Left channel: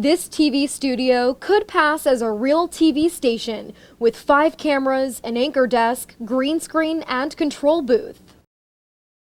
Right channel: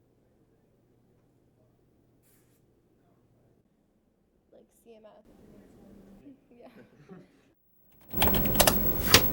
This TV studio could pass as a real TV station with 5 cameras, an anchor desk, green screen, and control booth.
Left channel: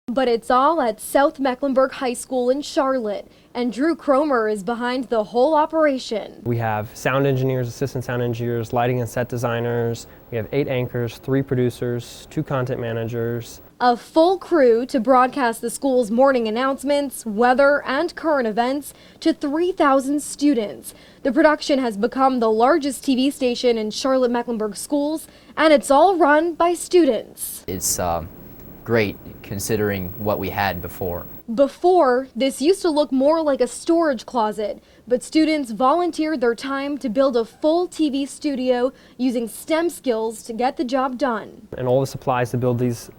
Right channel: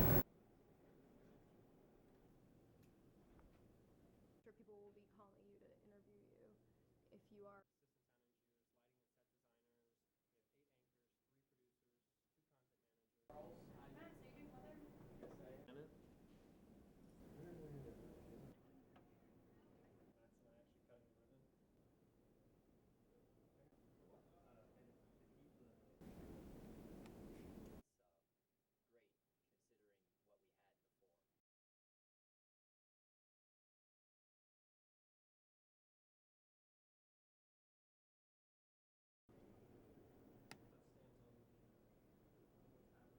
But it's all at South Mecklenburg High School in Charlotte, and Drew Cromer is behind the whole operation. We have sound engineers, assistant sound engineers, lighting and set designers. We have 8 anchors, 3 producers, 2 content managers. A full crew to broadcast the school's morning announcements, weather, and current events to 3,000 students. The production has become the largest TV station in Charlotte Mecklenburg schools, and it's all run by students. It's great considering what we had before. Before, this used to look more like a storage closet, but students volunteered their time to build a full TV studio using STEM skills to get the job done. And all the supplies to build these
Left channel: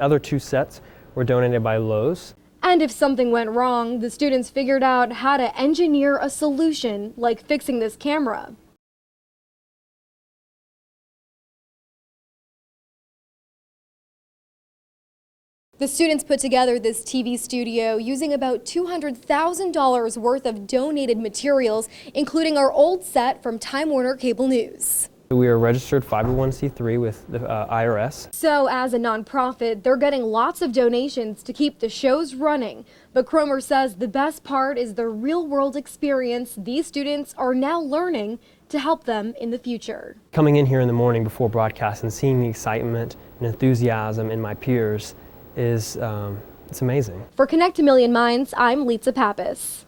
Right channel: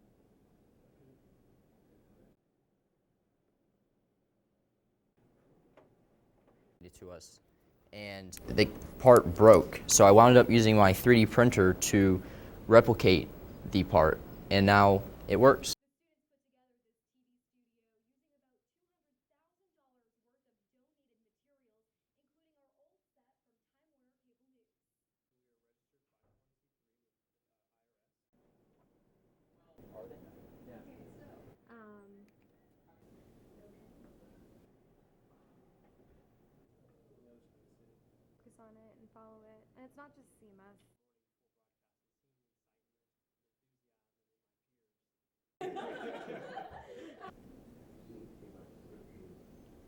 other 2 sets were donated by Lowe's. And if something went wrong, the students figured out how to engineer a solution, like fixing this camera. The part broke, so I wound up using my 3D printer to replicate the part, and now it works. The students put together this TV studio using about $200,000 worth of donated materials, including our old set from Time Warner Cable News. We are registered 501c3 with the IRS. So as a nonprofit, they're getting lots of donations to keep the shows running. But Cromer says the best part is the real-world experience these students are now learning to help them in the future. Coming in here in the morning before broadcast and seeing the excitement and enthusiasm in my peers is it's amazing. For Connect a Million Minds, I'm Litsa Pappas.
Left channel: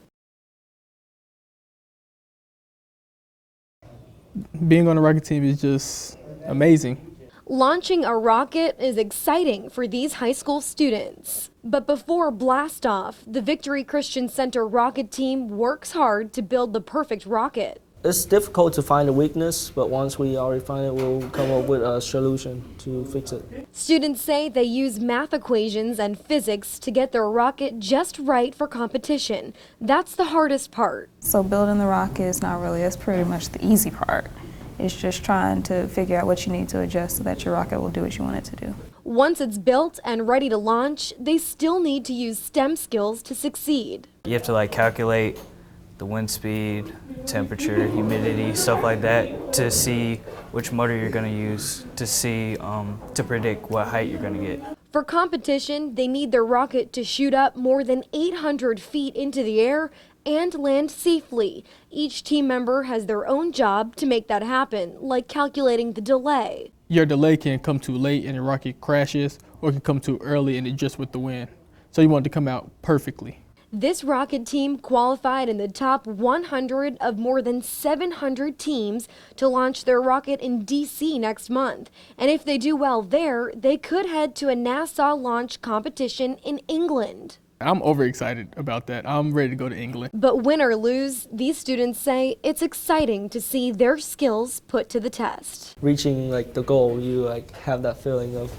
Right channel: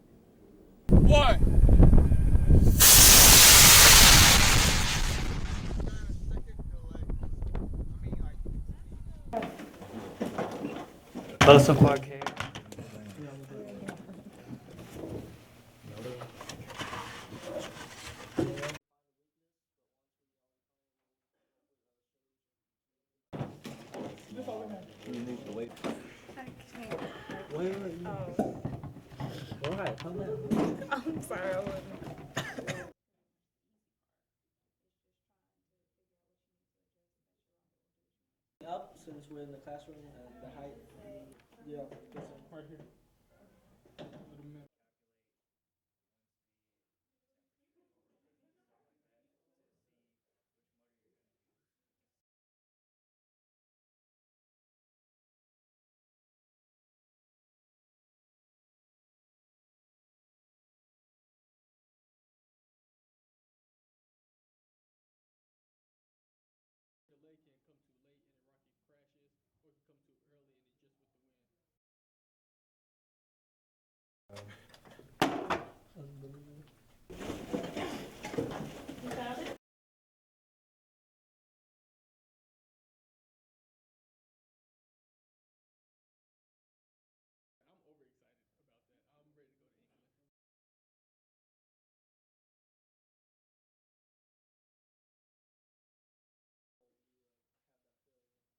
Being on the rocket team is just amazing. Launching a rocket is exciting for these high school students. But before blast-off, the Victory Christian Center rocket team works hard to build the perfect rocket. It's difficult to find a weakness, but once we already find it, we'll come up with a solution to fix it. Students say they use math equations and physics to get their rocket just right for competition. That's the hardest part. So building the rocket is not really, that's pretty much the easy part. It's just trying to figure out what you need to adjust so that your rocket will do what you want it to do. Once it's built and ready to launch, they still need to use STEM skills to succeed. You have to calculate the wind speed, temperature, humidity, stuff like that to see which motor you're going to use to see, to predict what height you're going to get. For competition, they need their rocket to shoot up more than 800 feet into the air and land safely. Each team member has their own job to make that happen, like calculating the delay. Your delay can come too late and the rocket crashes, or it can come too early and adjust with the wind. So you want it to come out perfectly. This rocket team qualified in the top 100 of more than 700 teams to launch their rocket in DC next month. And if they do well there, they could head to a NASA launch competition in England. I'm overexcited about that. I'm ready to go to England. But win or lose, these students say it's exciting to see their skills put to the test. Reaching the goal, you have that feeling of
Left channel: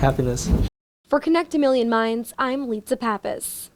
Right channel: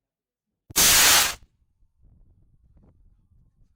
happiness. For Connect a Million Minds, I'm Litsa Pappas.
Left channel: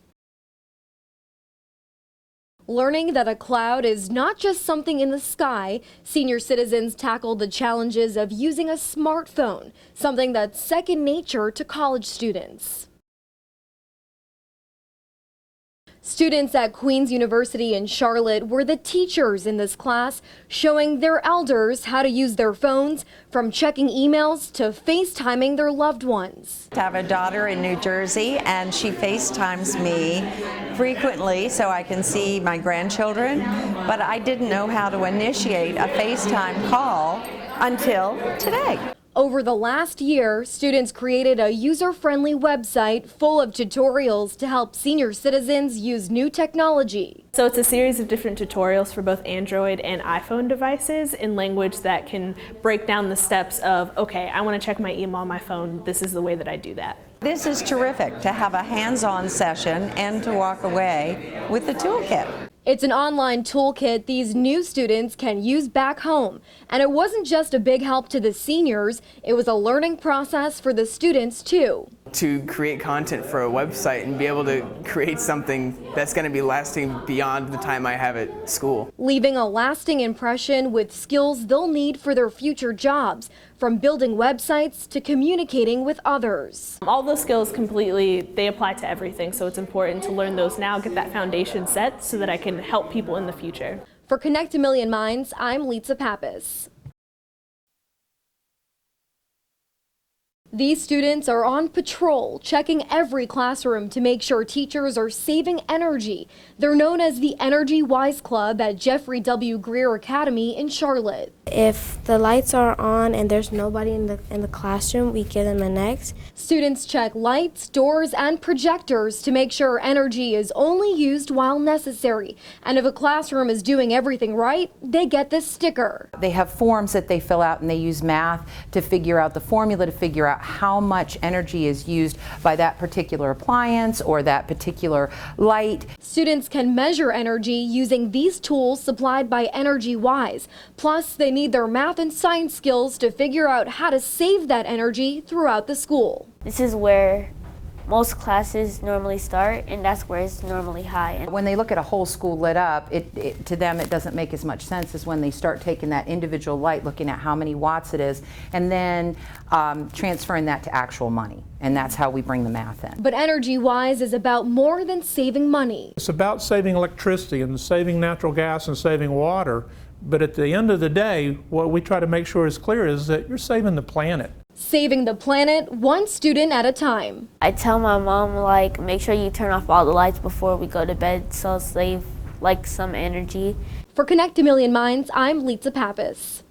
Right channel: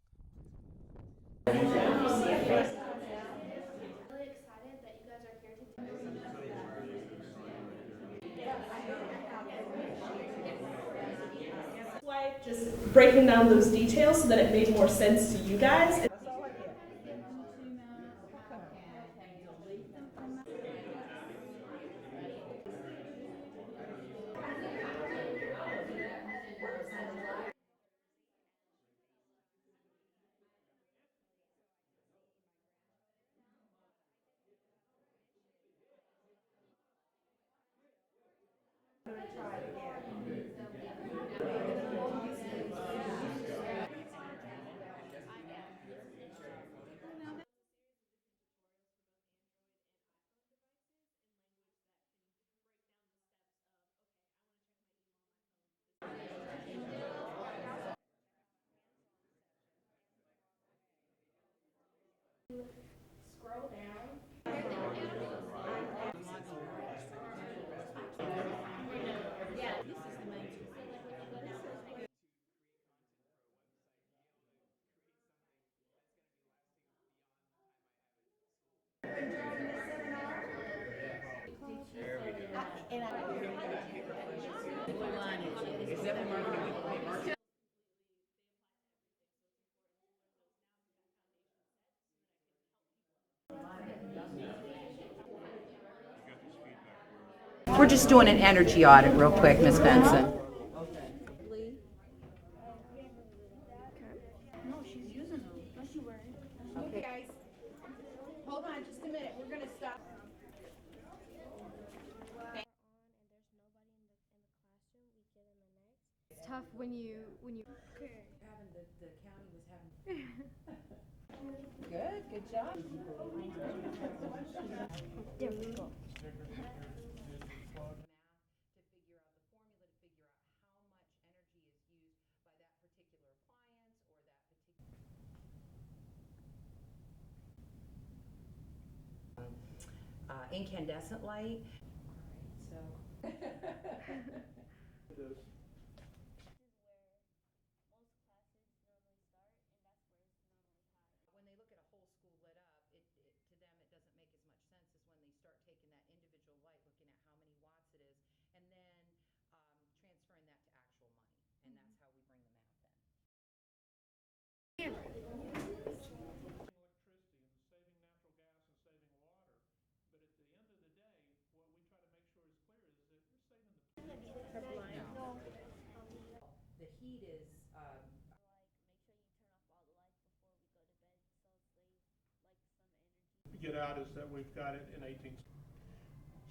Learning that a cloud is not just something in the sky, senior citizens tackled the challenges of using a smartphone, something that's second nature to college students. Breaking down those details so that it made more sense to you guys. Students at Queen's University in Charlotte were the teachers in this class, showing their elders how to use their phones, from checking emails to FaceTiming their loved ones. I have a daughter in New Jersey, and she FaceTimes me frequently so I can see my grandchildren, but I didn't know how to initiate a FaceTime call until today. Over the last year, students created a user-friendly website full of tutorials to help senior citizens use new technology. So it's a series of different tutorials for both Android and iPhone devices in language that can break down the steps of, okay, I want to check my email on my phone, this is the way that I do that. This is terrific to have a hands-on session and to walk away with the toolkit. It's an online toolkit these new students can use back home. And it wasn't just a big help to the seniors, it was a learning process for the students too. to create content for a website and be able to create something that's going to be lasting beyond the time I have at school. Leaving a lasting impression with skills they'll need for their future jobs, from building websites to communicating with others. All those skills they apply to everything, so it's important to learn those now, get that foundation set so that I can help people in the future. For Connect a Million Minds, I'm Litsa Pappas. We're just doing an energy audit real quick, Ms. Benson. These students are on patrol, checking every classroom to make sure teachers are saving energy. They're known as the Energy Wise Club at Jeffrey W. Greer Academy in Charlotte. If the lights are on and there's nobody in the classroom, we give them a next. Students check lights, doors, and projectors to make sure energy is only used while necessary. And if a classroom is doing everything right, they get this sticker. They have forms that they fill out and they use math to figure out the formula to figure out how much energy is used by that particular appliance or that particular light. Students can measure energy using these tools supplied by Energy Wise. Plus, they need their math and science skills to figure out how to save that energy throughout the school. This is where most classes normally start, and that's where it's normally high. When they look at a whole school lit up, to them it doesn't make as much sense as when they start taking that individual light, looking at how many watts it is, and then transferring that to actual money. And that's how we bring the math in. But Energy Wise is about more than saving money. It's about saving electricity and saving natural gas and saving water. But at the end of the day, what we try to make sure is clear is that you're saving the planet. Saving the planet one student at a time. I tell my mom, like, make sure you turn off all the lights before we go to bed, so I'll save, like, some energy. For Connect a Million Minds, I'm Litsa Pappas.